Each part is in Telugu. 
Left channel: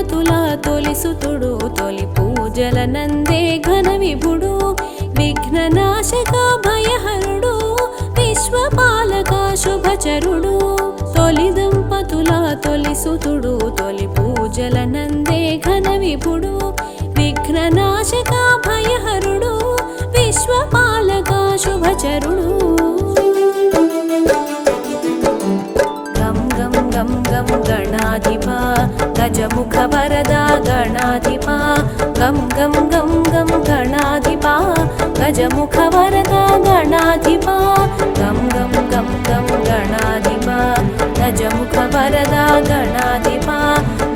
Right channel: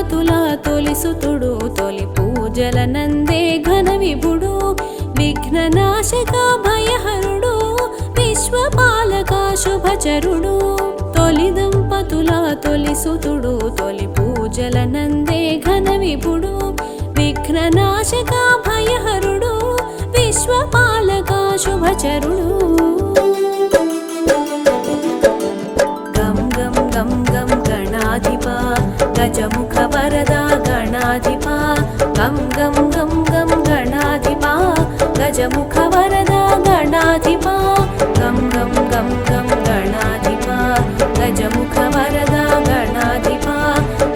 దంపతుల తొలిసుతుడు తొలి పూజల నందే ఘన విభుడు విఘ్ననాశక భయహరుడు విశ్వపాలక శుభచరుడు తొలి దంపతుల తొలిసుతుడు తొలి పూజల నందే ఘన విభుడు విఘ్ననాశక భయహరుడు విశ్వపాలక శుభచరుడు గం గం గం గం గణాధిపా గజముఖ వరదా గణాధిపా గం గం గం గం గణాధిపా గజముఖ వరదా గణాధిపా గం గం గం గం గణాధిపా గజముఖ వరదా గణాధిపా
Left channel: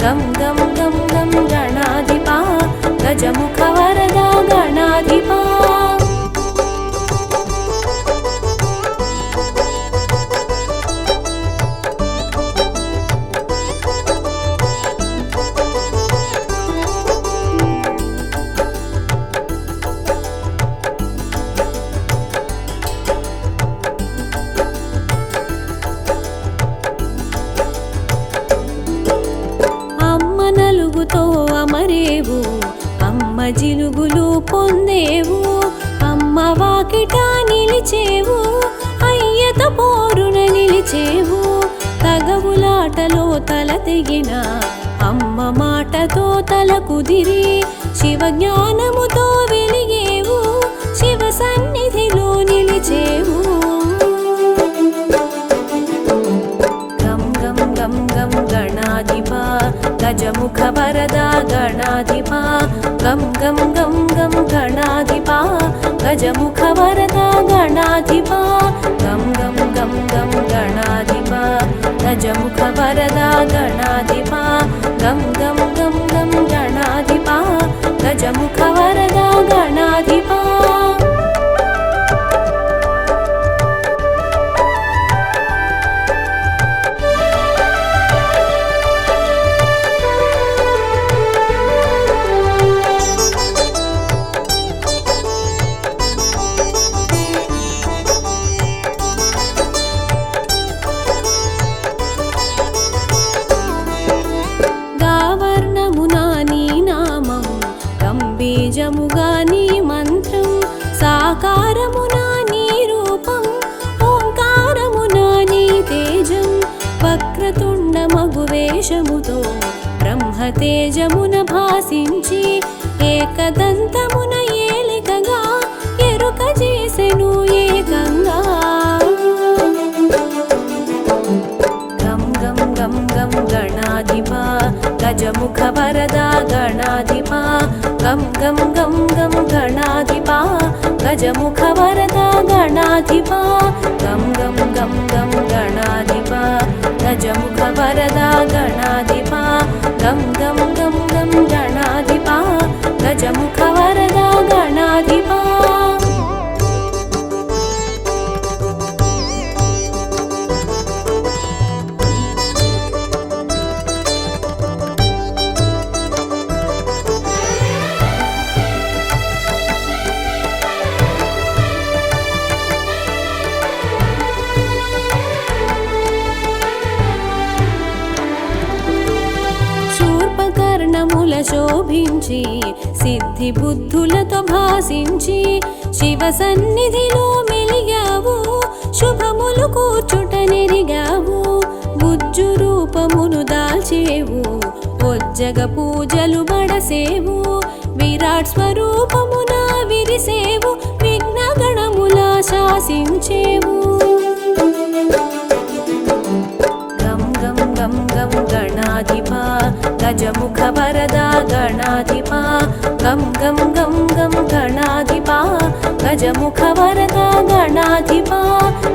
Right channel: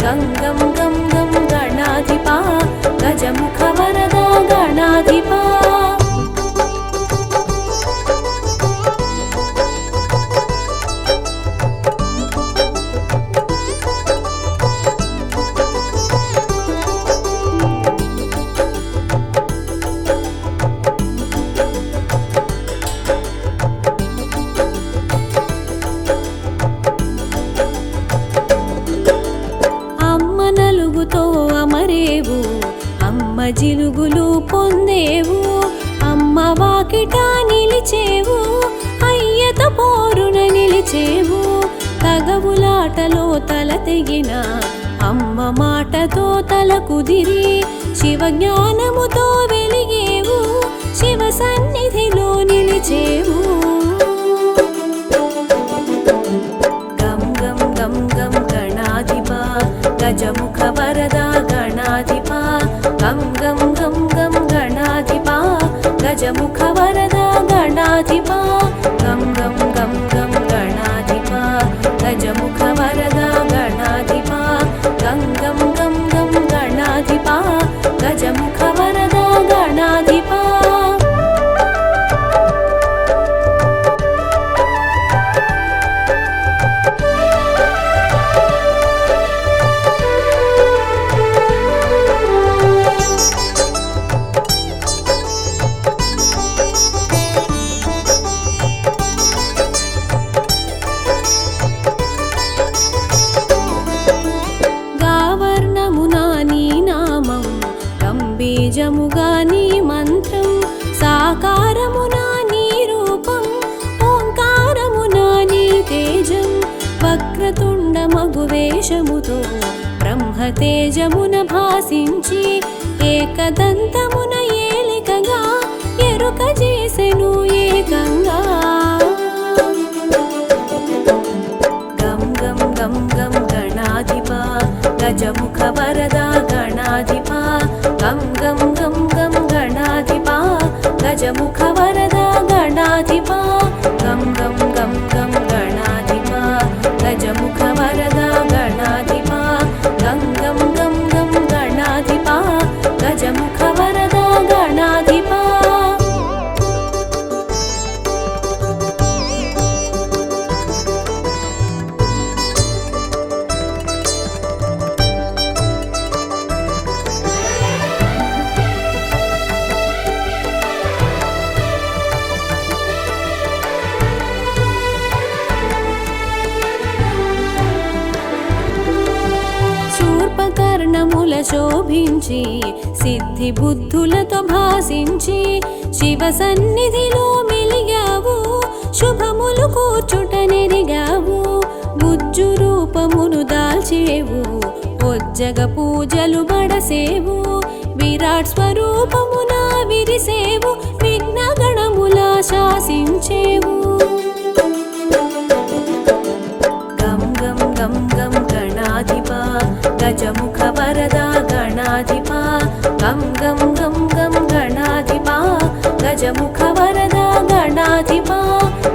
గం గం గం గం గణాధిపా గజముఖ వరదా గణాధిపా నలుగుతో అమరేవు అమ్మ జిలుగులు పొందేవు అమ్మ వాకిట నిలిచేవు అయ్యత పోరున నిలిచేవు తగవులాటలో తల తెగిన అమ్మ మాటతో తల కుదిరి శివ జ్ఞానముతో వెలిగేవు శివ సన్నిధిలో నిలిచేవు గం గం గం గం గణాధిపా గజముఖ వరదా గణాధిపా గం గం గం గం గణాధిపా గజముఖ వరదా గణాధిపా గం గం గం గం గణాధిపా గజముఖ వరదా గణాధిపా గం గం గం గం గణాధిపా గజముఖ వరదా గణాధిపా నీ నామం గంబీజముగా నీ మంత్రం సాకారమునా నీ రూపం ఓంకారమునా నీ తేజం వక్రతుండ మగువేషముతో బ్రహ్మ తేజమున భాసించి ఏకదంతమున ఏలికగా ఎరుక చేసెను ఏకంగా గం గం గం గం గణాధిపా గజముఖ వరదా గణాధిపా గం గం గం గం గణాధిపా గజముఖ వరదా గణాధిపా గం గం గం గం గణాధిపా గజముఖ వరదా గణాధిపా గం గం గం గం గణాధిపా గజముఖ వరదా గణాధిపా కర్ణముల శోభించి సిద్ధి బుద్ధులతో భాసించి శివ సన్నిధిలో మెలిగావు శుభములు కూర్చుట నెరిగావు బుజ్జు రూపమును దాల్చేవు ఒజ్జగ పూజలు బడసేవు విరాట్ స్వరూపమున విరిసేవు విఘ్న గణముల శాసించేవు గం గం గం గం గణాధిపా గజముఖ వరదా గణాధిపా గం గం గం గం గణాధిపా గజముఖ వరదా గణాధిపా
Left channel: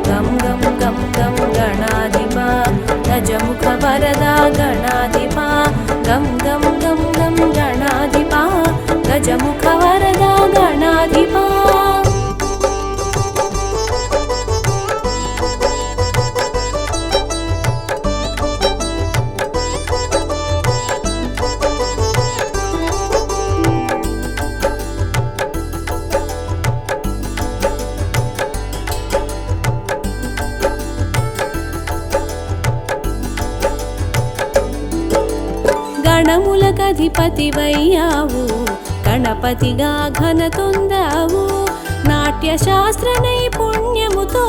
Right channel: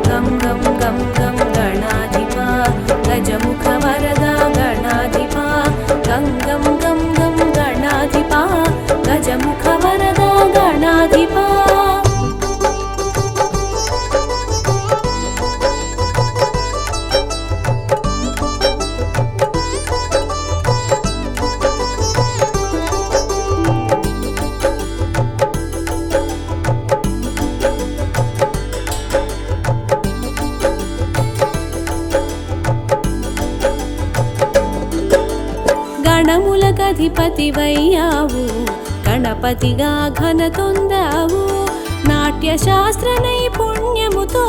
గం గం గం గం గణాధిపా గజముఖ వరదా గణాధిపా గం గం గం గం గణాధిపా గజముఖ వరదా గణాధిపా గణములకధిపతివయ్యావు గణపతిగా ఘనతొందావు నాట్య శాస్త్ర నైపుణ్యముతో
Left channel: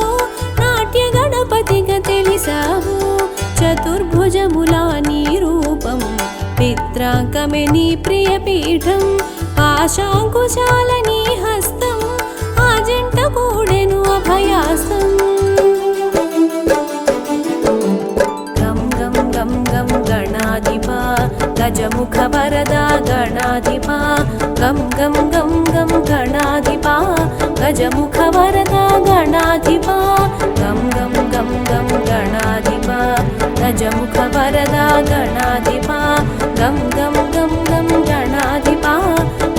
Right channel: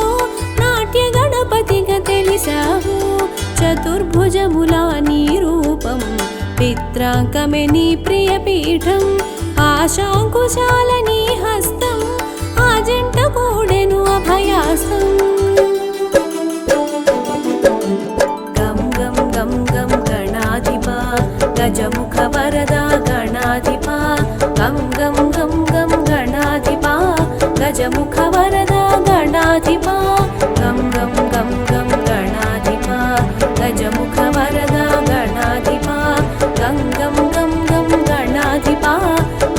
నాట్య గణపతిగా తెలిసావు చతుర్భుజములా నీ రూపం పిత్రాంకమే నీ ప్రియపీఠం పాశాంకుశాల నీ హస్తం ఆ జంట కూడెను అభయాస్తం గం గం గం గం గణాధిపా గజముఖ వరదా గణాధిపా గం గం గం గం గణాధిపా గజముఖ వరదా గణాధిపా గం గం గం గం గణాధిపా గజముఖ వరదా గణాధిపా గం గం గం గం గణాధిపా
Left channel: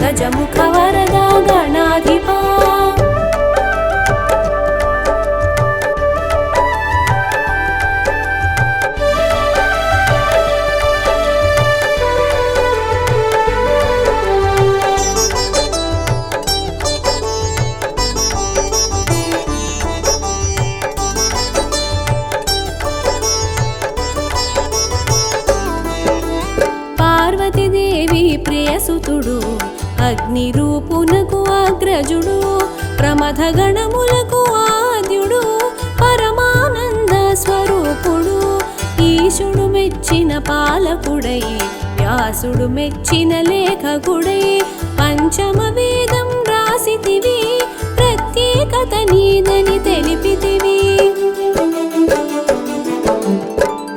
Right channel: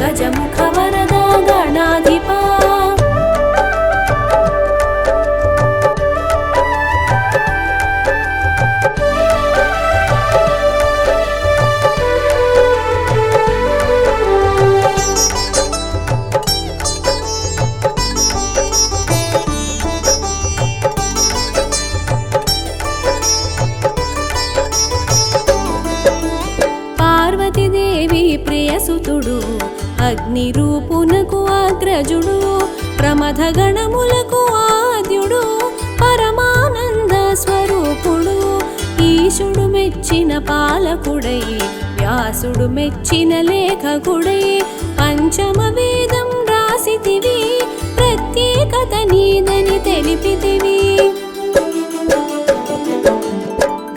గజముఖ వరదా గణాధిపా పార్వతీదేవి ప్రియసుతుడు అగ్ని రూపునకు అగ్రజుడు ప్రమథ గణములకు ఆద్యుడు పరమానంద స్వరూపుడు ఈశుడు మెచ్చిన పాలకుడై వ్యాసుడు మెచ్చిన లేఖకుడై పంచమ వేదం రాసితివి ప్రత్యేకత నీదని తెలిపితివి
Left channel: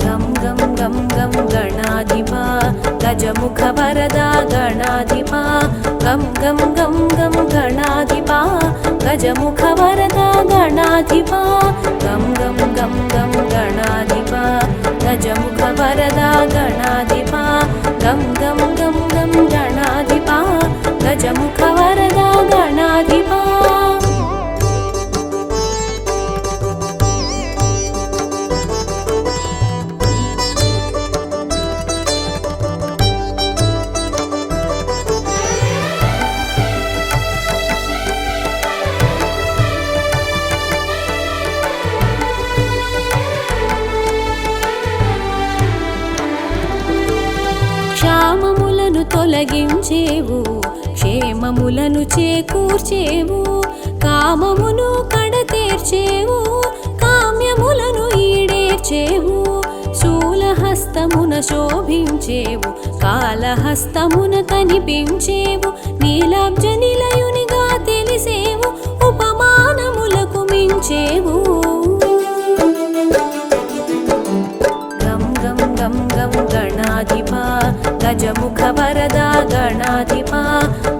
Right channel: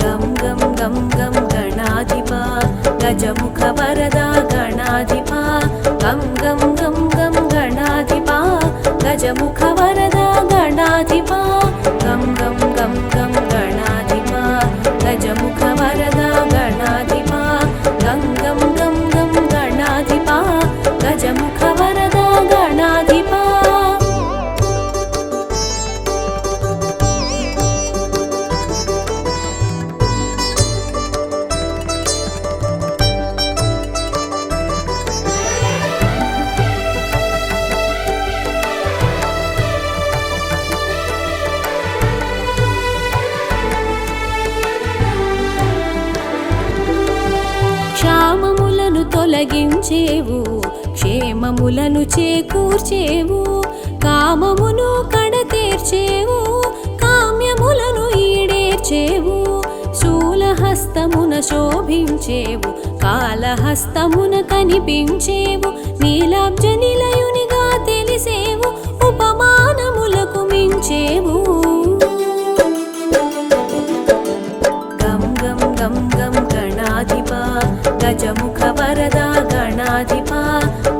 గం గం గం గం గణాధిపా గజముఖ వరదా గణాధిపా గం గం గం గం గణాధిపా గజముఖ వరదా గణాధిపా గం గం గం గం గణాధిపా గజముఖ వరదా గణాధిపా గం గం గం గం గణాధిపా గజముఖ వరదా గణాధిపా క్షామములను తొలగించేవు క్షేమములను చేకూర్చేవు కామమును కడతేర్చేవు కామ్యములను ఈడేర్చేవు శూలహస్తమున శోభించేవు కాళహస్తమున కనిపించేవు నీలాబ్జ నిలయునిగా తెలిసేవు ఉపమానములకు మించేవు గం గం గం గం గణాధిపా గజముఖ వరదా గణాధిపా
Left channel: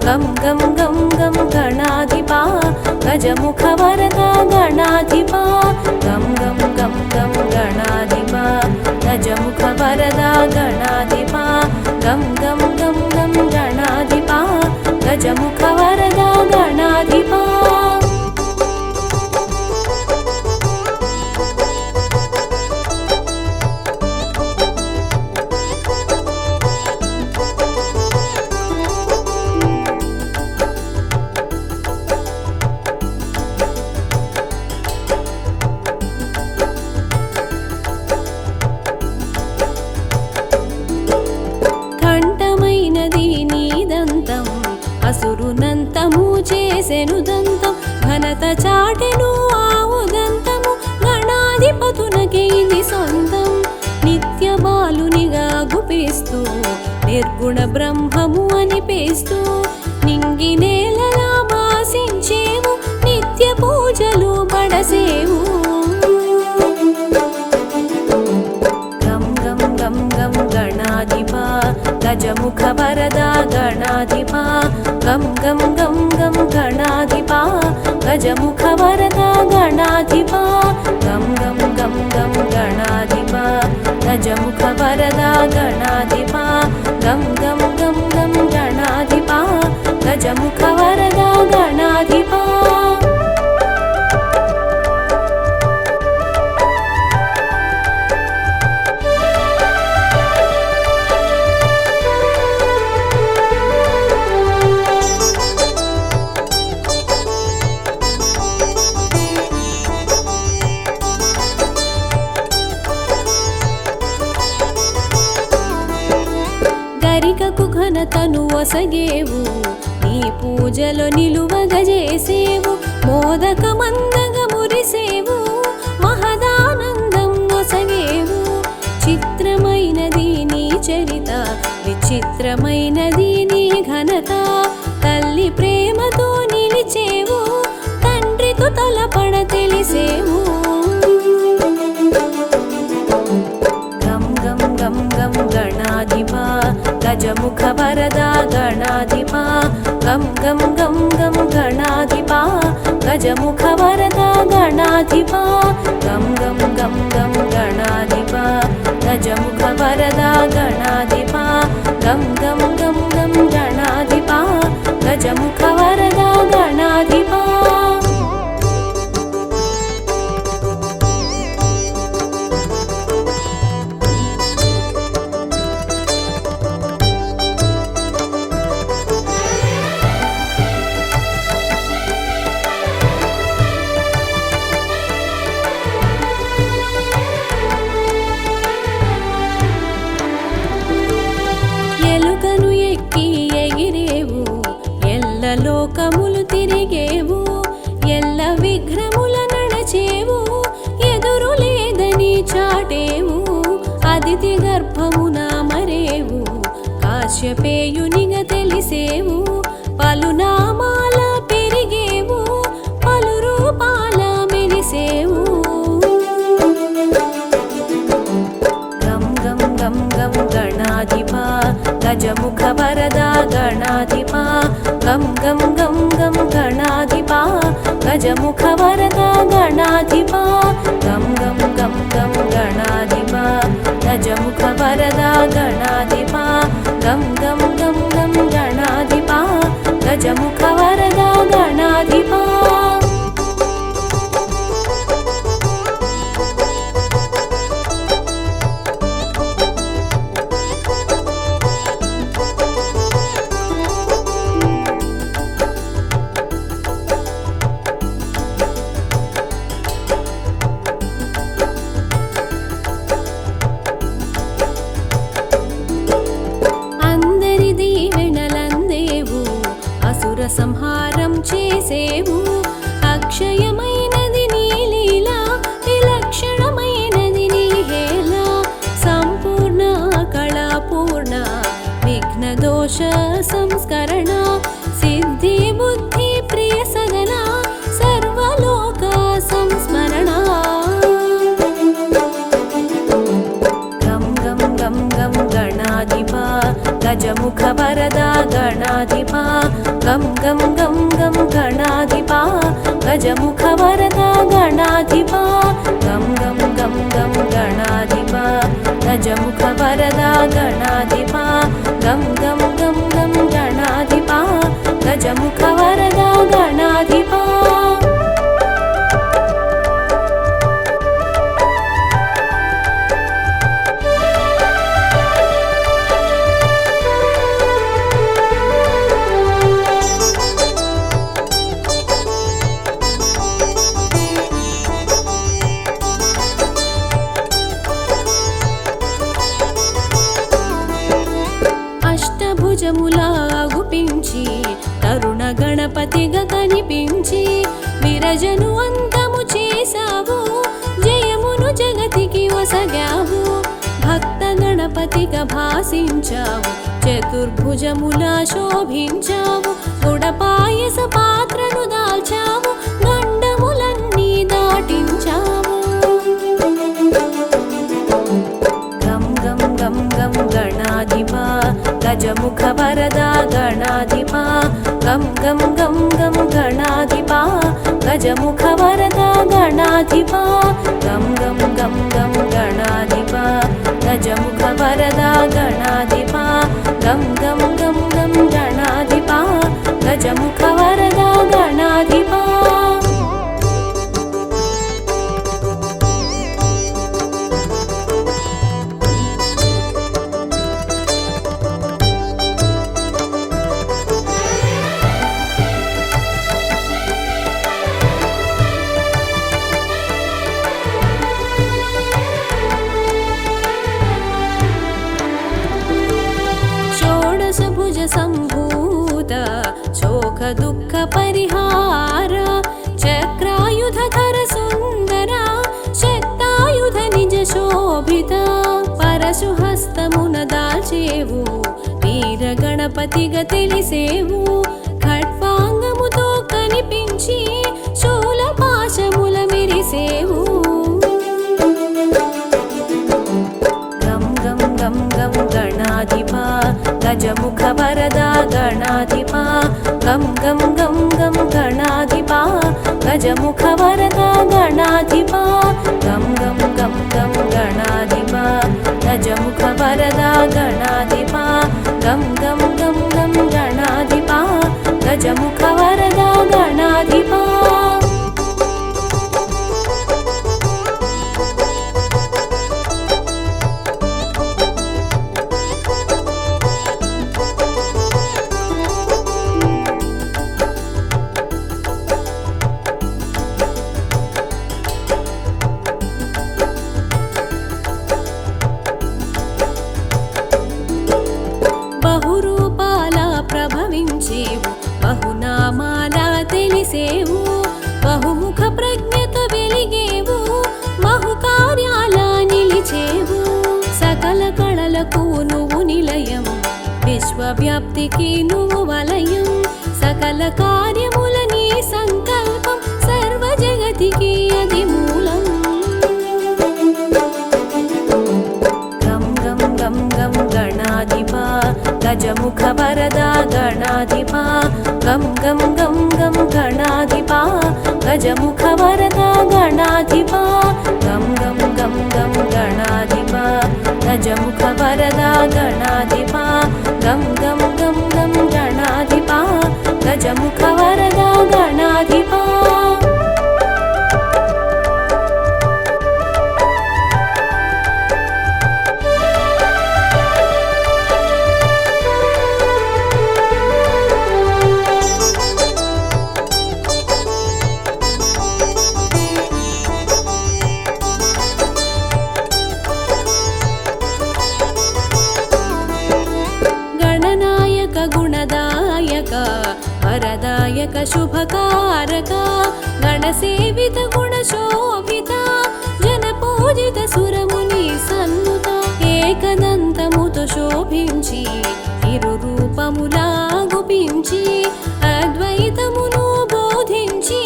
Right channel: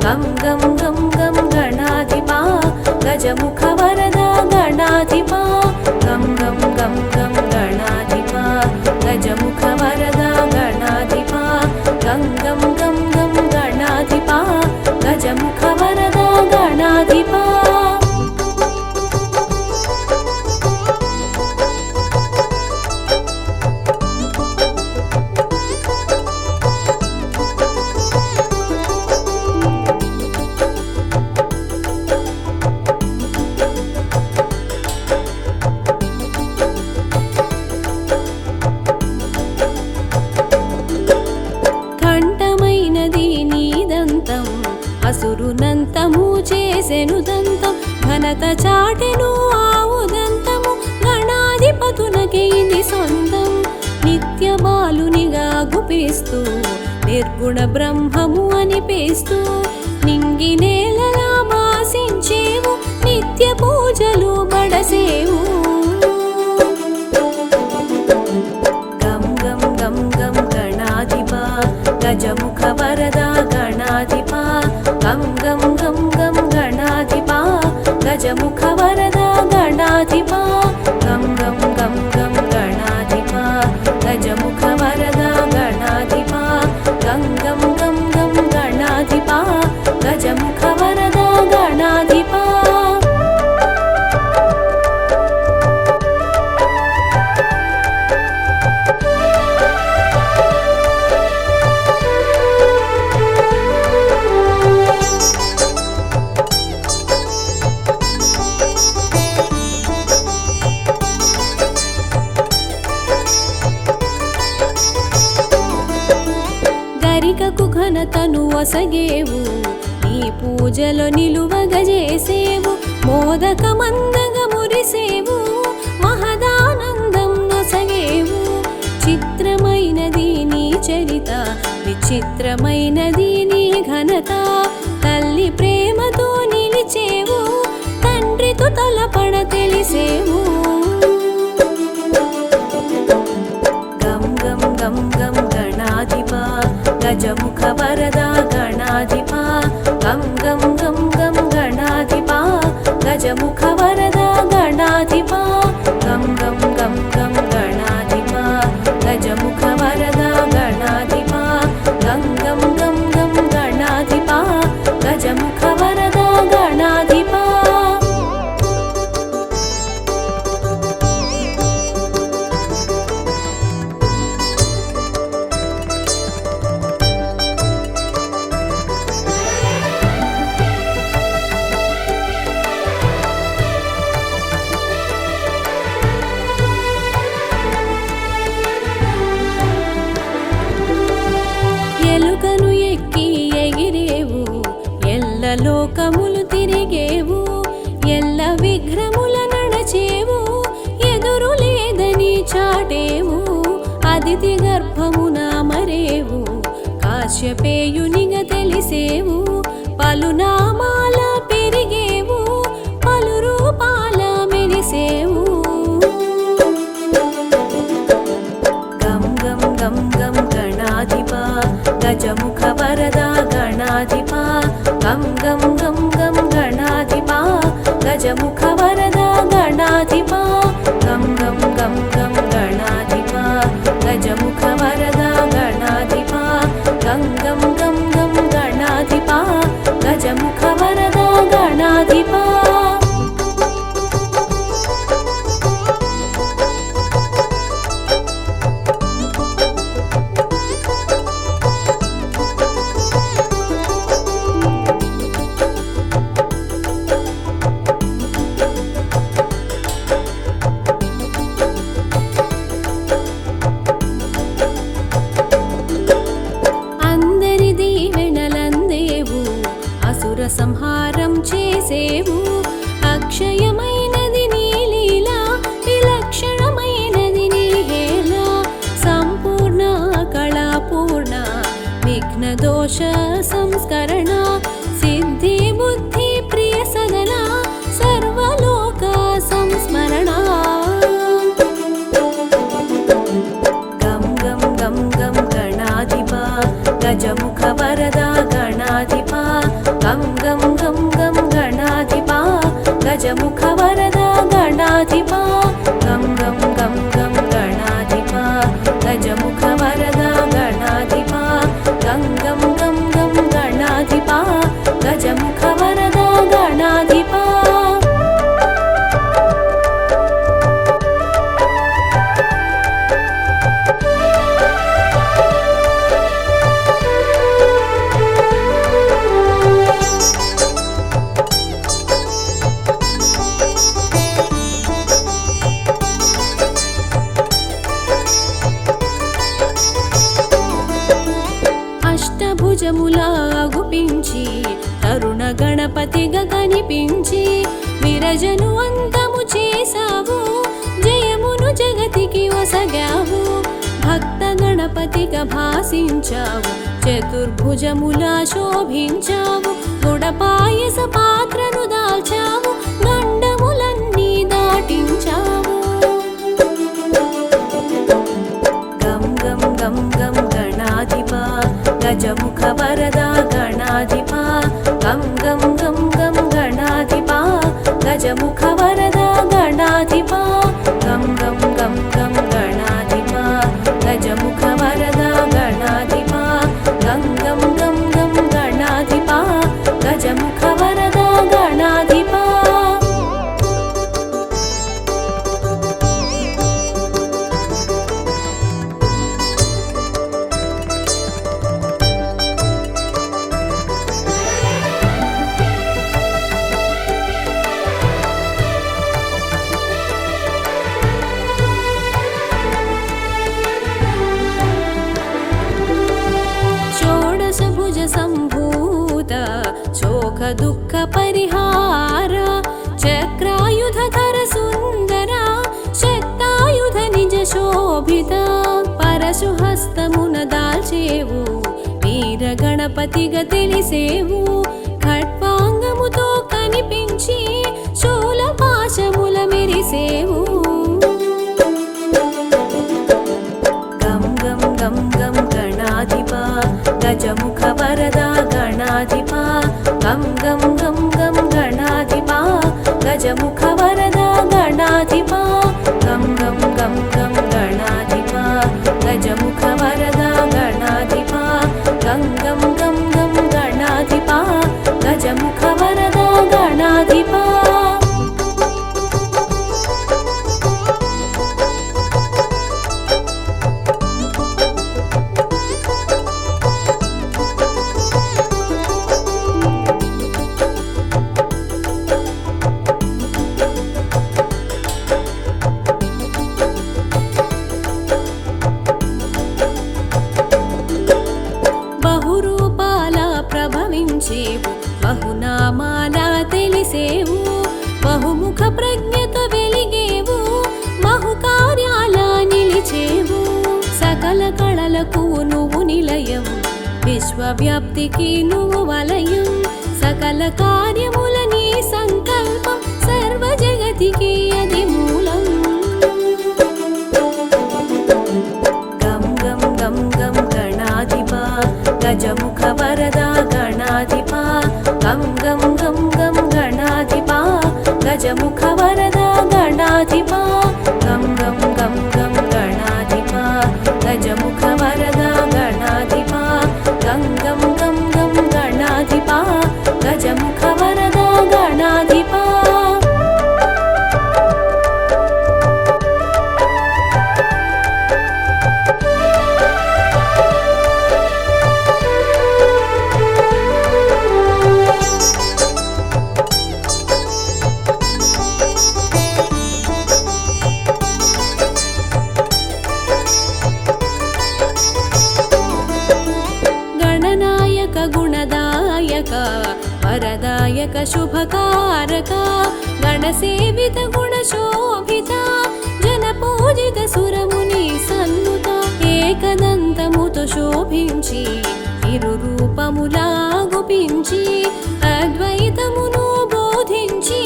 గం గం గం గం గణాధిపా గజముఖ వరదా గణాధిపా గం గం గం గం గణాధిపా గజముఖ వరదా గణాధిపా గం గం గం గం గణాధిపా గజముఖ వరదా గణాధిపా కంఠమైనది నీదంతం అసురునంతము చేసెను దంతం ఘనత చాటెను ఆవుదంతము గణాధిపతునకే ఇది సొంతం నిత్య బాలునిగా గుపిస్తూ నిర్గుణ బ్రహ్మము అనిపిస్తూ నింగి నేలలా భాసించేవు నిత్య పూజలు బడసేవు గం గం గం గం గణాధిపా గజముఖ వరదా గణాధిపా గం గం గం గం గణాధిపా గజముఖ వరదా గణాధిపా గం గం గం గం గణాధిపా గజముఖ వరదా గణాధిపా గం గం గం గం గణాధిపా గజముఖ వరదా గణాధిపా అమరికకు ఘనతను ఒసగేవు నీ పూజలో నిలువగజేసేవు మోదకమందగా మురిసేవు మహదానందం నొసగేవు చిత్రమైనది నీ చరిత విచిత్రమైనది నీ ఘనత తల్లి ప్రేమతో నిలిచేవు తండ్రితో తలపడ తెలిసేవు గం గం గం గం గణాధిపా గజముఖ వరదా గణాధిపా గం గం గం గం గణాధిపా గజముఖ వరదా గణాధిపా గం గం గం గం గణాధిపా గజముఖ వరదా గణాధిపా గం గం గం గం గణాధిపా గజముఖ వరదా గణాధిపా ఎలుకను ఎక్కి ఎగిరేవు ఎల్ల లోకములు తిరిగేవు ఎల్ల విఘ్నముల నడచేవు ఎదురు లేదని చాటేవు అదితి గర్భమున మరేవు కాశ్యపేయునిగా తెలిసేవు పలునామాల పెరిగేవు పలు రూపాల మెరిసేవు గం గం గం గం గణాధిపా గజముఖ వరదా గణాధిపా గం గం గం గం గణాధిపా గజముఖ వరదా గణాధిపా గం గం గం గం గణాధిపా గజముఖ వరదా గణాధిపా గం గం గం గం గణాధిపా గజముఖ వరదా గణాధిపా అసుర సంహారం చేసేవు అక్షయమైనది నీ లీల విలక్షణమైనది నీ హేళ సంపూర్ణ కళాపూర్ణ విఘ్న దోష సంస్కరణ సిద్ధి బుద్ధి ప్రియ సదన సర్వలోక సంస్మరణ గం గం గం గం గణాధిపా గజముఖ వరదా గణాధిపా గం గం గం గం గణాధిపా గజముఖ వరదా గణాధిపా గం గం గం గం గణాధిపా గజముఖ వరదా గణాధిపా గం గం గం గం గణాధిపా గజముఖ వరదా గణాధిపా అష్టభుజములా అగుపించి తరుణ గణపతిగా కనిపించి విరజను అంతము చేసావు జయమును జగతికి ఒసగావు భక్త గణపతిగా భాసించావు చతుర్భుజములా శోభించావు గుడపాయస పాత్రను దాల్చావు గండములన్నీ దాటించావు గం గం గం గం గణాధిపా గజముఖ వరదా గణాధిపా గం గం గం గం గణాధిపా గజముఖ వరదా గణాధిపా గం గం గం గం గణాధిపా గజముఖ వరదా గణాధిపా గం గం గం గం గణాధిపా గజముఖ వరదా గణాధిపా सम्भूत शोक दुःख परिहार चक्रायुधधर सुन्दरा शक्तायुध निज शोभित परशुहस्तमुन दाल्चेवु వీర గణపతిగా తెలిసేవు ఖడ్వాంగముతో కనిపించి శూల పాశముల మెరిసేవు గం గం గం గం గణాధిపా గజముఖ వరదా గణాధిపా గం గం గం గం గణాధిపా గజముఖ వరదా గణాధిపా గం గం గం గం గణాధిపా గజముఖ వరదా గణాధిపా గం గం గం గం గణాధిపా గజముఖ వరదా గణాధిపా బహురూపాల ప్రభవించేవు బహునామాల తెలిసేవు బహుముఖ ప్రజ్ఞతో వెలిగేవు బహుకార్యాల నిలిచేవు సకల కళలకు నువ్వు నిలయం విశ్వవ్యాప్తికి నువ్వు వలయం సకల కార్యముల నీ సంకల్పం సర్వ జగతికి అది మూలం గం గం గం గం గణాధిపా గజముఖ వరదా గణాధిపా గం గం గం గం గణాధిపా గజముఖ వరదా గణాధిపా గం గం గం గం గణాధిపా గజముఖ వరదా గణాధిపా గం గం గం గం గణాధిపా గజముఖ వరదా గణాధిపా గణనాయక గుణదాయక వరదాయక శుభకారక గణసేవిత గుణశోభిత జనపూజిత సురముని సన్నుత ఏకదంతముతో శోభించి ఇరు రూపములా గుపించి అద్వైతమును బోధించి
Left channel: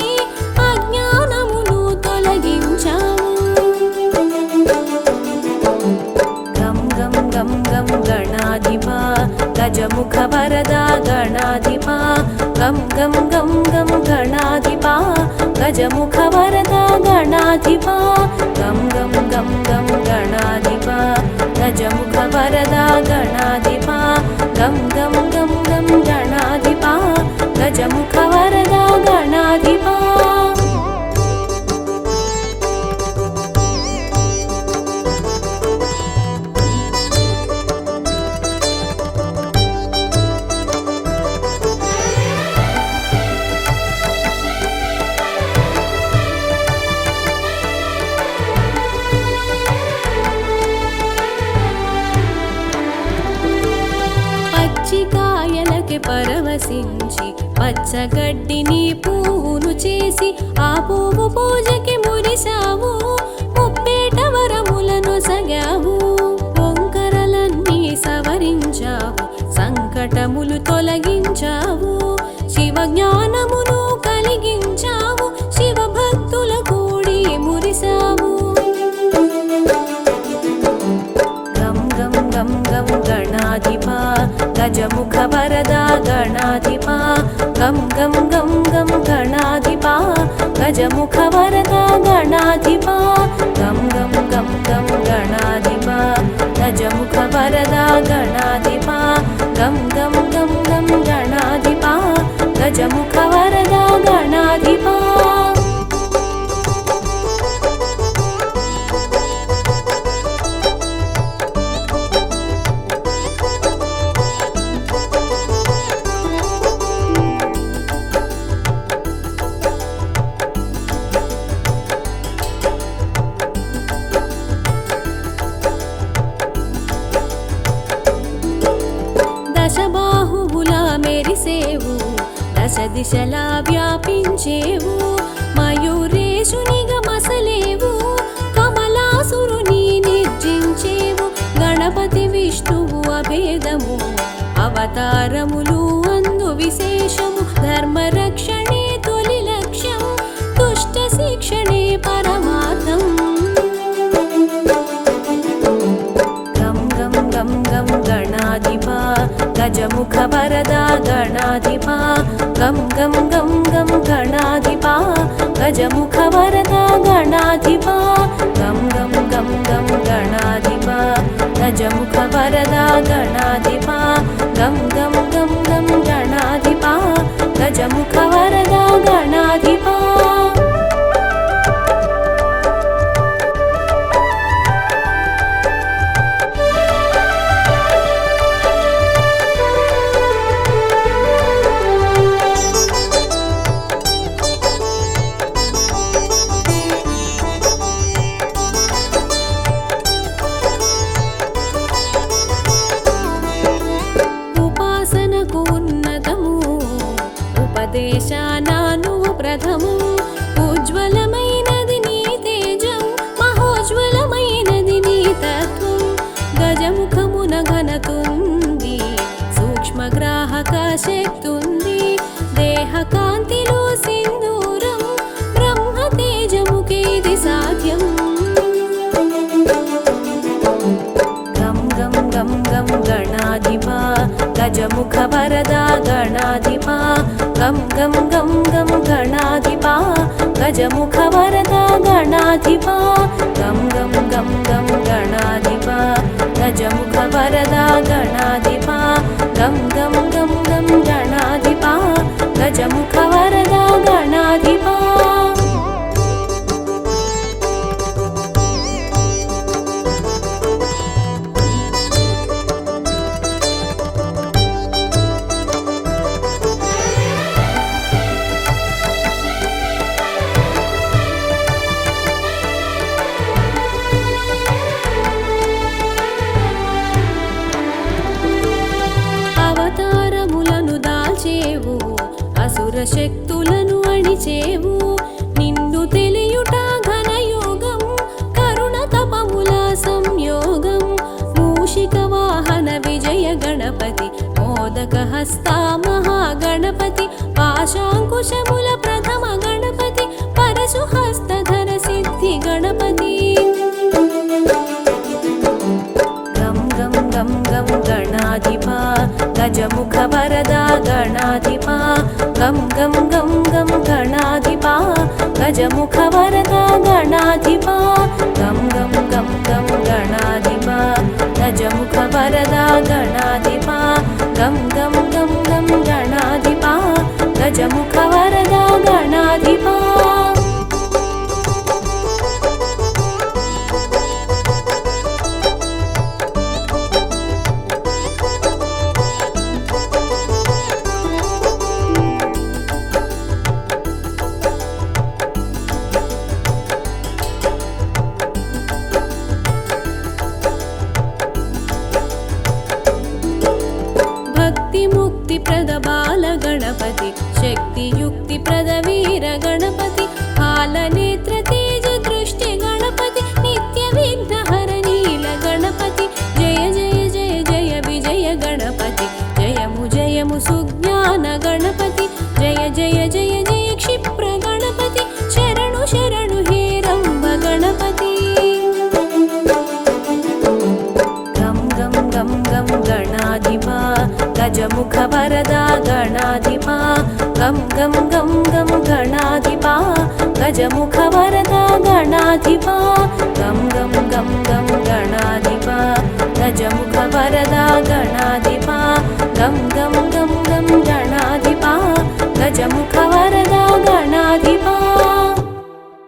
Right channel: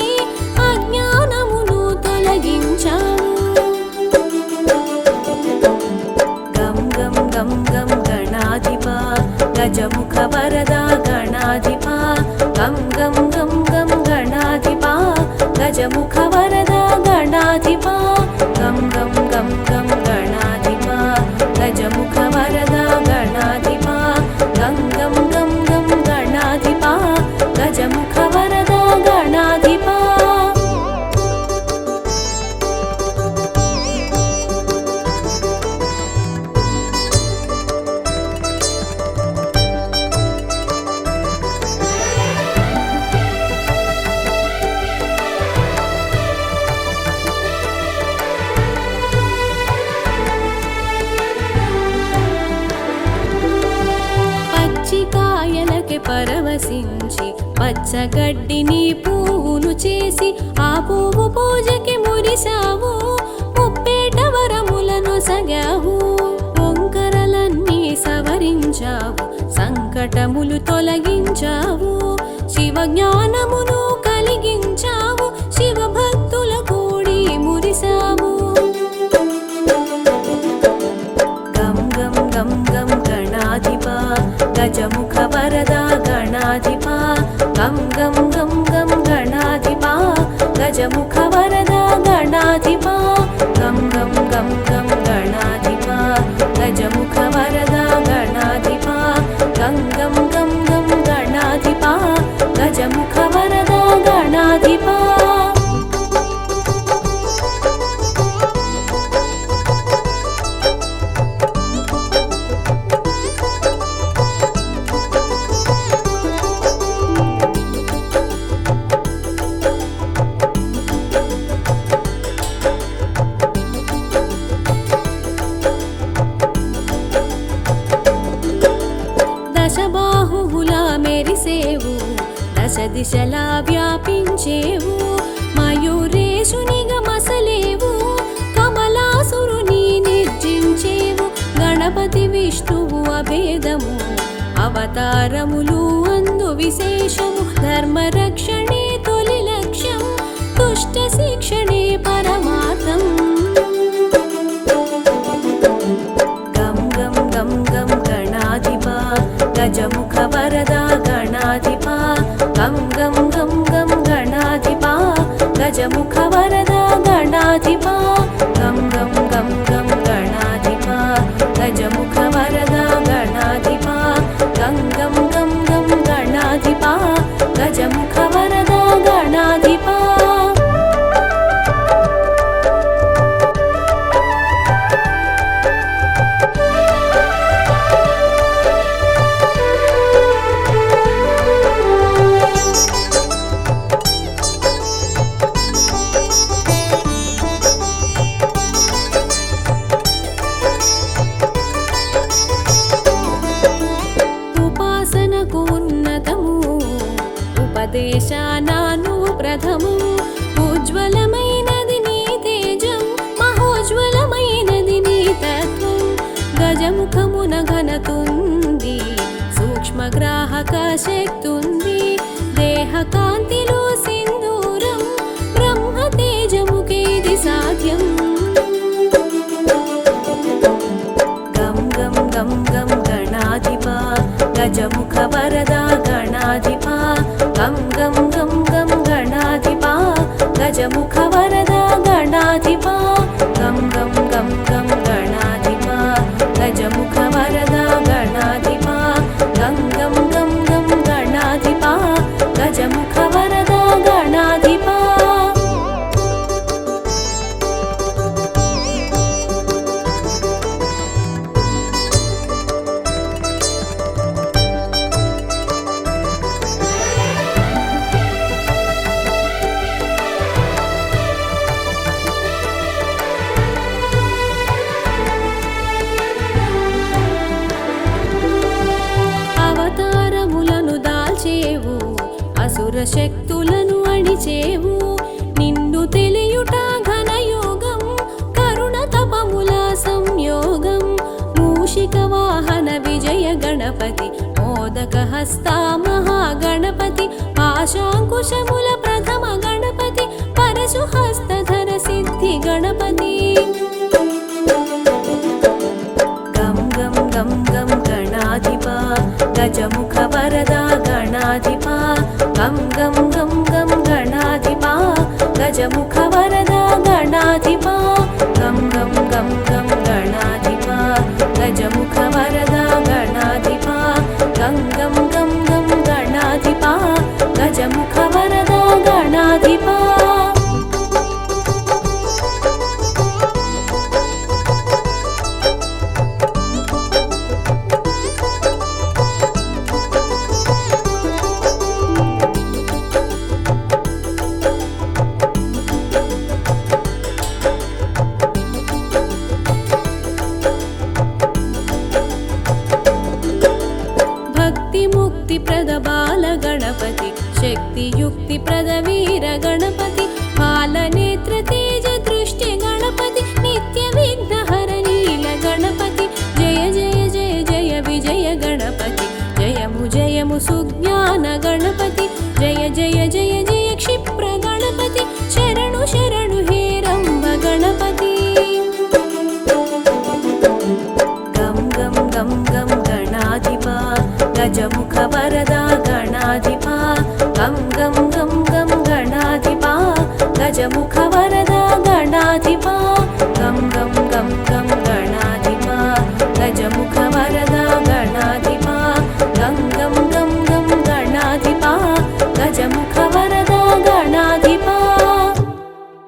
అజ్ఞానమును తొలగించాము గం గం గం గం గణాధిపా గజముఖ వరదా గణాధిపా గం గం గం గం గణాధిపా గజముఖ వరదా గణాధిపా గం గం గం గం గణాధిపా గజముఖ వరదా గణాధిపా గం గం గం గం గణాధిపా గజముఖ వరదా గణాధిపా పచ్చికాయలకి పరవశించి పచ్చగడ్డిని పువ్వును చేసి ఆ పువ్వు పూజకి మురిసావు ముప్పేట వరములను సగావు వంకరలన్నీ సవరించావు సంకటములు తొలగించావు శివ జ్ఞానమును కలిగించావు శివ భక్తుల కూడి మురిసావు గం గం గం గం గణాధిపా గజముఖ వరదా గణాధిపా గం గం గం గం గణాధిపా గజముఖ వరదా గణాధిపా గం గం గం గం గణాధిపా గజముఖ వరదా గణాధిపా గం గం గం గం గణాధిపా గజముఖ వరదా గణాధిపా దశబాహువు కాంతులా మెరిసేవు దశ దిశలా వ్యాపించేవు మయూరేశునిగా మసలేవు కమలాసురుని నిర్జించేవు గణపతి విష్ణువు అభేదము అవతారములు అందు విశేషము ధర్మరక్షణే తొలి లక్ష్యం దుష్ట శిక్షణే పరమార్థం గం గం గం గం గణాధిపా గజముఖ వరదా గణాధిపా గం గం గం గం గణాధిపా గజముఖ వరదా గణాధిపా గం గం గం గం గణాధిపా గజముఖ వరదా గణాధిపా గం గం గం గం గణాధిపా గజముఖ వరదా గణాధిపా ఉపాసనకు ఉన్నతము ఉపదేశానాను ప్రథము ఉజ్వలమైనది నీ తేజం మహోజ్వలమైనది నీ తత్వం గజముఖమున ఘనతుంది సూక్ష్మగ్రాహక శక్తుంది దేహ కాంతిలో సింధూరం బ్రహ్మ తేజముకే ఇది సాధ్యం గం గం గం గం గణాధిపా గజముఖ వరదా గణాధిపా గం గం గం గం గణాధిపా గజముఖ వరదా గణాధిపా గం గం గం గం గణాధిపా గజముఖ వరదా గణాధిపా గం గం గం గం గణాధిపా గజముఖ వరదా గణాధిపా అవతారములను దాల్చేవు అసుర శక్తులను అణిచేవు నిండు తెలియుట ఘనయోగం కరుణ తపముల సంయోగం మూషిక వాహన విజయ గణపతి మోదక హస్త మహాగణపతి పాశాంకుశముల ప్రథమ గణపతి పరశు హస్తధర సిద్ధి గణపతి గం గం గం గం గణాధిపా గజముఖ వరదా గణాధిపా గం గం గం గం గణాధిపా గజముఖ వరదా గణాధిపా గం గం గం గం గణాధిపా గజముఖ వరదా గణాధిపా గం గం గం గం గణాధిపా గజముఖ వరదా గణాధిపా భక్తి ముక్తి ప్రద బాల గణపతి శక్తి యుక్తి ప్రద వీర గణపతి పాలనేత్ర తేజ దృష్టి గణపతి నిత్య విఘ్నహర నీల గణపతి జయ జయ జయ జయ విజయ గణపతి జయము జయము సుజ్ఞాన గణపతి జయ జయ జయ జయ క్షిప్ర గణపతి శరణు శరణు హే రంభ గణపతి గం గం గం గం గణాధిపా గజముఖ వరదా గణాధిపా గం గం గం గం గణాధిపా గజముఖ వరదా గణాధిపా గం గం గం గం గణాధిపా గజముఖ వరదా గణాధిపా గం గం గం గం గణాధిపా గజముఖ వరదా గణాధిపా